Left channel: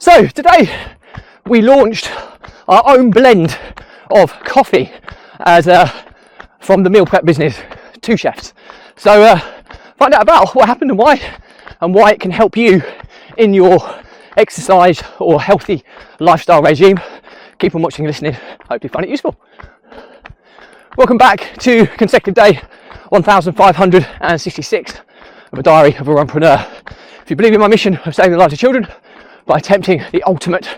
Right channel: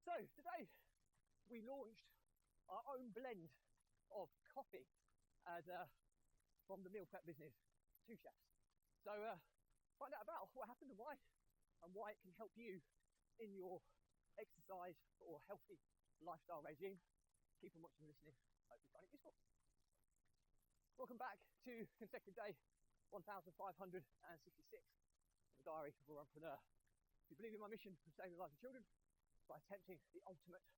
So today we launched our own blend of coffee as from the meal prep business, Two Chefs. So find out about what happened and why it can help you in your exercise or healthy lifestyle regime. Keep on watching and listening. Hope you find it useful. Welcome back to consecutive day 1566 of a diary of a runpreneur. If you believe in my mission of saving the lives of children by attempting the ultimate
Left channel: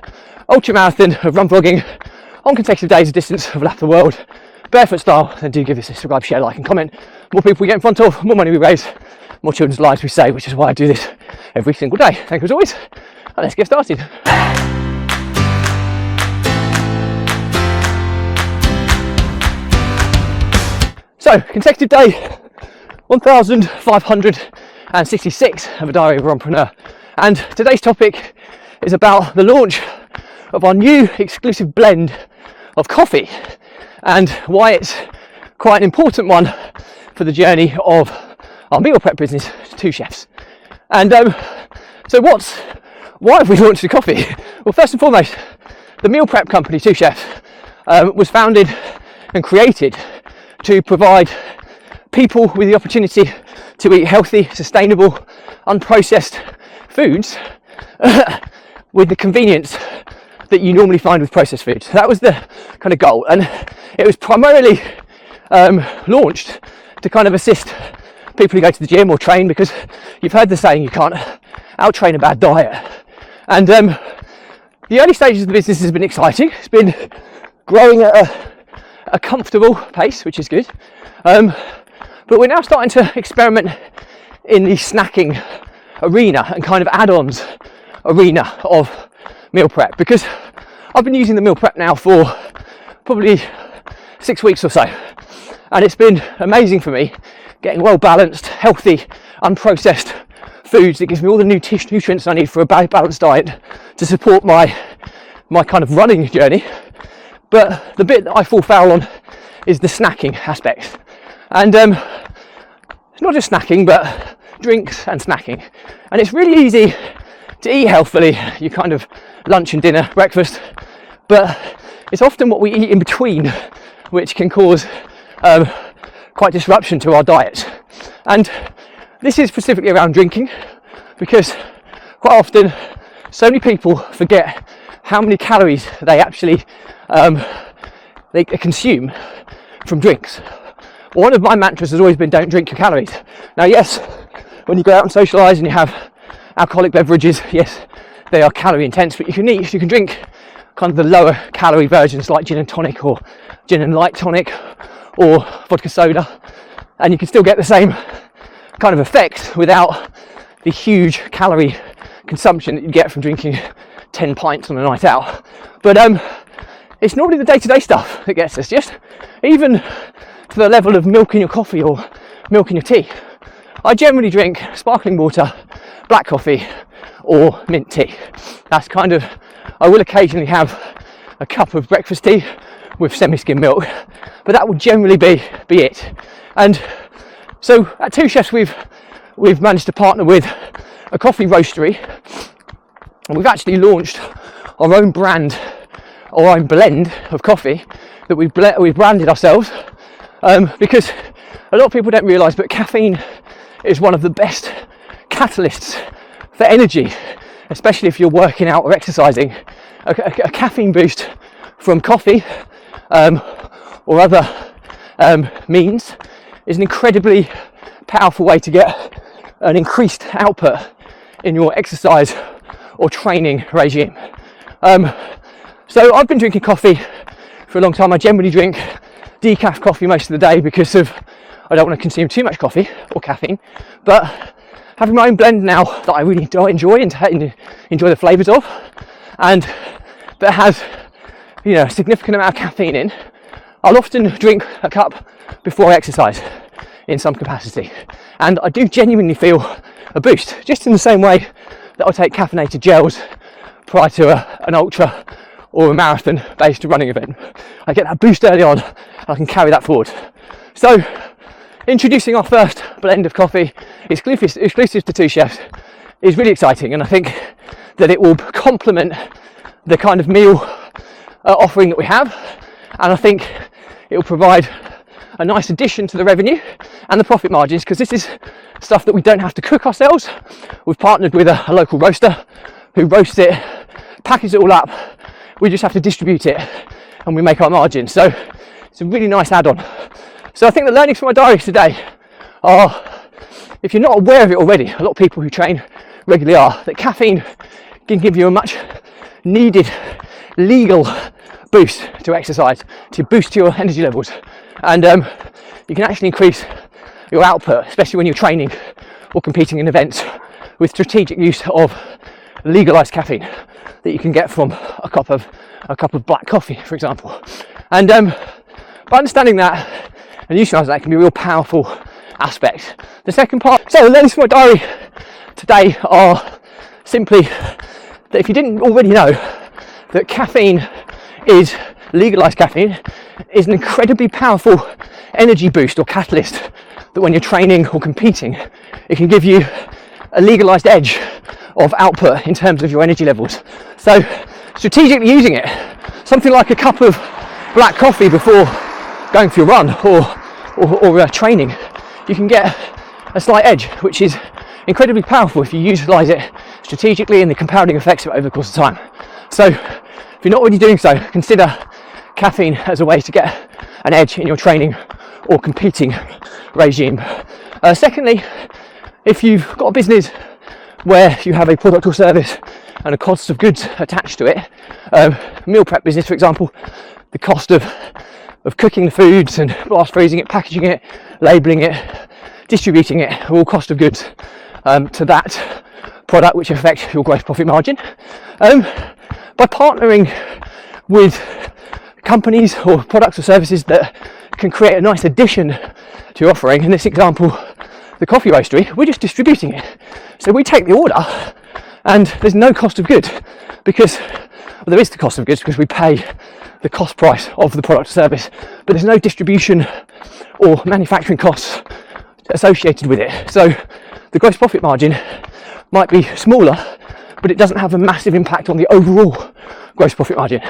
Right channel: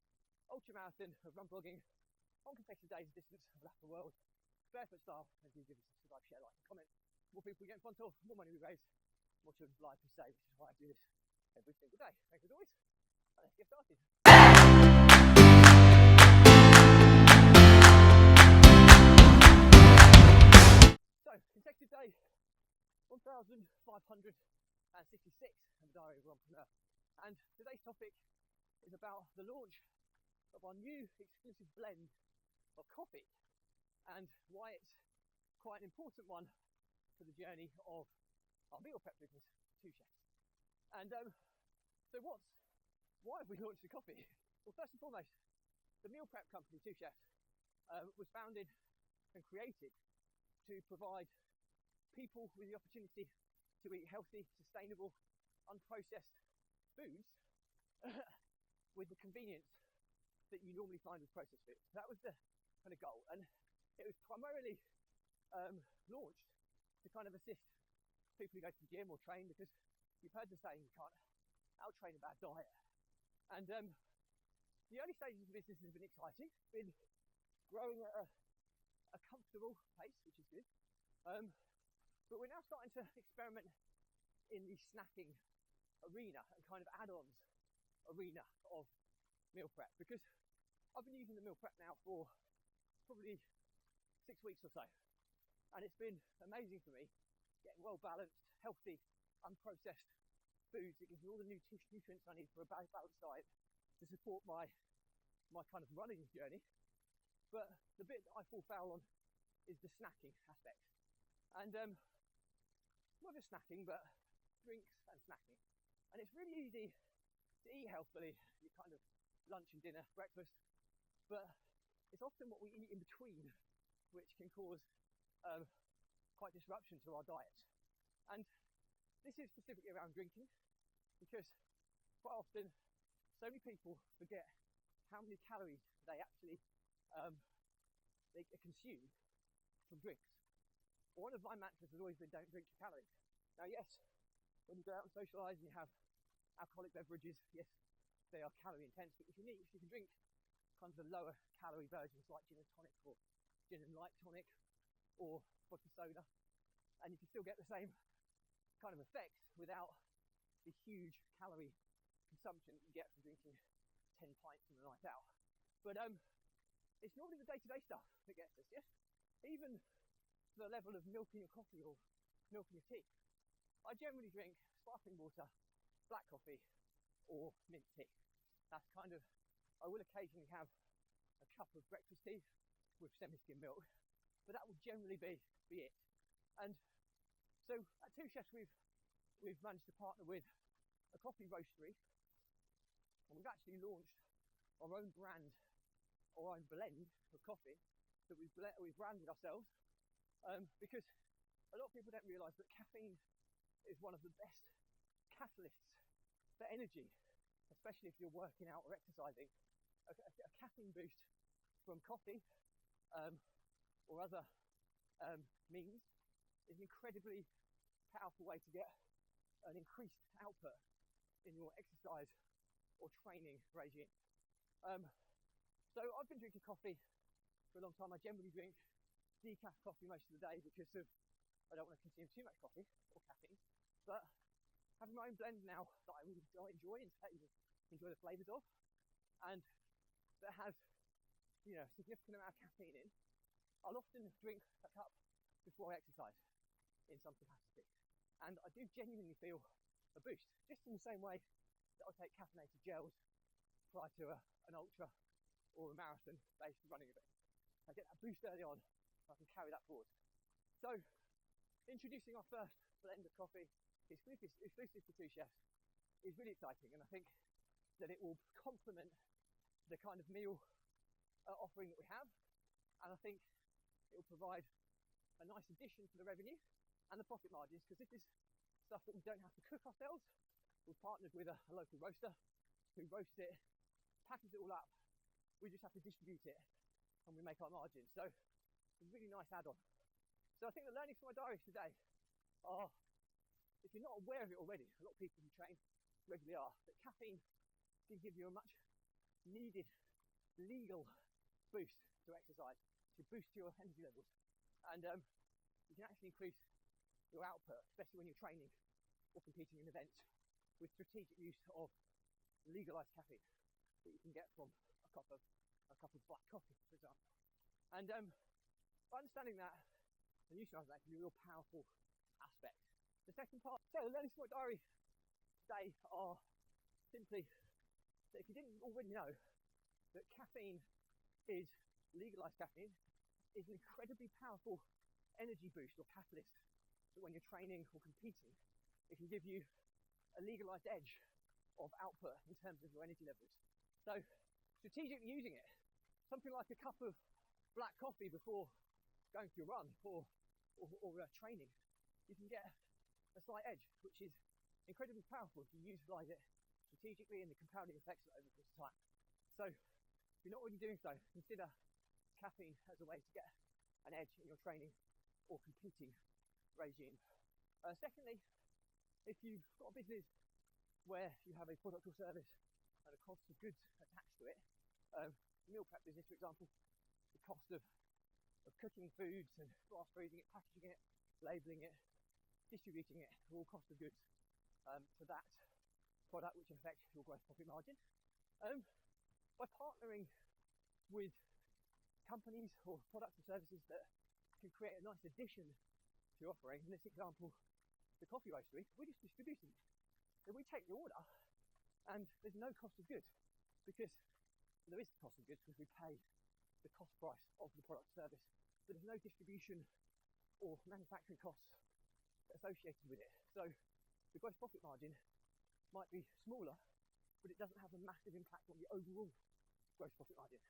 ultra marathon of run vlogging on consecutive days of distance of lap the world, barefoot style, then do give this a subscribe, share, like and comment. More people we get in front of, more money we raise, more children's lives we save, which is why I do this every single day. Thank you as always, and let's get started. So, consecutive day 1566 of a diary of a runpreneur, and today's topic is about the launch of our new exclusive blend of coffee and why it's quite an important one for the journey of our meal prep business, Two Chefs. And so why have we launched the coffee? Well, first and foremost, the meal prep company, Two Chefs, was founded and created to provide people with the opportunity to eat healthy, sustainable, unprocessed foods with the convenience that you normally find with processed foods. That was the kind of goal, and it was primarily launched to kind of assist people who go to the gym or train, because you've heard the saying, you can't out-train a bad diet. And the early stages of the business has been exciting. It's been growing at a comfortable pace, which is good. But we're now starting to experiment in the snacking arena and kind of add-ons arena of meal prep, because I've been using the meal prep now for probably 6 weeks or so, and it's been amazing for me getting well balanced, healthy, unprocessed foods that gives me all the nutrients I need for a balanced diet to support my kind of running journey. But the bit that I fall foul on is the snacking aspect, and it's not just snacking but drinks and snacking. And it's really easy to eat healthily, you kind of lunch and dinner, breakfast, but it's often what we eat in between which can cause quite disruption to our diets. And this is specifically around drinking, because quite often so many people forget how many calories they actually they consume from drinks. One of my mantras has always been, don't drink your calories. Now yes, when you go out and socialise and you have alcoholic beverages, yes, they are calorie intense, but you can drink kind of the lower calorie versions like gin and tonic or gin and light tonic or vodka soda, and you can still get the same kind of effect without the huge calorie consumption that you get from drinking 10 pints on a night out. But it's normally the day-to-day stuff that gets us, just even to the level of milk in your coffee or milk in your tea. I generally drink sparkling water, black coffee or mint tea. That's kind of, I will occasionally have a cup of breakfast tea with semi-skim milk, but that will generally be it. And so at Two Chefs we've managed to partner with a coffee roastery, and we've actually launched our own brand, our own blend of coffee that we've branded ourselves, because a lot of people don't realise, but caffeine is one of the best catalysts for energy, especially if you're working out or exercising. A caffeine boost from coffee or other means is an incredibly powerful way to get an increased output in your exercise or training regime. So I've been drinking coffee for a long time. I generally drink decaf coffee most of the day because I don't want to consume too much coffee or caffeine, but having my own blend now that I really enjoy and enjoy the flavours of, and that has, you know, a significant amount of caffeine in, I'll often drink a cup before I exercise in some capacity, and I do genuinely feel a boost, just in the same way that I'll take caffeinated gels prior to an ultra or a marathon based running event. I get that boost early on and I can carry that forward. So introducing our first blend of coffee exclusive to Two Chefs is really exciting, and I think that it will complement the kind of meal offering that we have, and I think it will provide a nice addition to the revenue and the profit margins, because this is stuff that we don't have to cook ourselves. We've partnered with a local roaster who roasts it, packages it all up. We just have to distribute it and we make our margins. So it's a really nice add-on. So I think the learnings from my diary today are, if you're not aware of it already, a lot of people who train regularly are, that caffeine can give you a much needed legal boost to exercise, to boost your energy levels, and you can actually increase your output, especially when you're training or competing in events, with strategic use of legalized caffeine that you can get from a cup of black coffee, for example. And by understanding that and utilising that can be a real powerful aspect. The second part, so the learnings from my diary today are simply that if you didn't already know, that caffeine is legalized caffeine is an incredibly powerful energy boost or catalyst, that when you're training or competing, it can give you a legalized edge of output in terms of your energy levels. So strategically using it, something like a cup of black coffee before going for your run or training, you can get a slight edge, which is incredibly powerful if you utilize it strategically and the compounding effects of it over the course of time. So if you're not already doing so, consider caffeine as a way to get an edge in your training or competing regime. Secondly, if you've got a business where you have a product or service and a cost of goods attached to it, meal prep business, for example, the cost of cooking the foods and blast freezing it, packaging it, labelling it, distributing it, are all cost of goods to that product, which affect your gross profit margin. By partnering with companies or products or services that can create a nice addition to your offering, in this example, the coffee roastery, we're just distributing it. So we take the order and there's no cost of goods, because there is the cost of goods because we pay the cost price of the product or service, but there's no distribution or manufacturing costs associated with it. So the gross profit margin might be smaller, but it doesn't have a massive impact on the overall gross profit margin.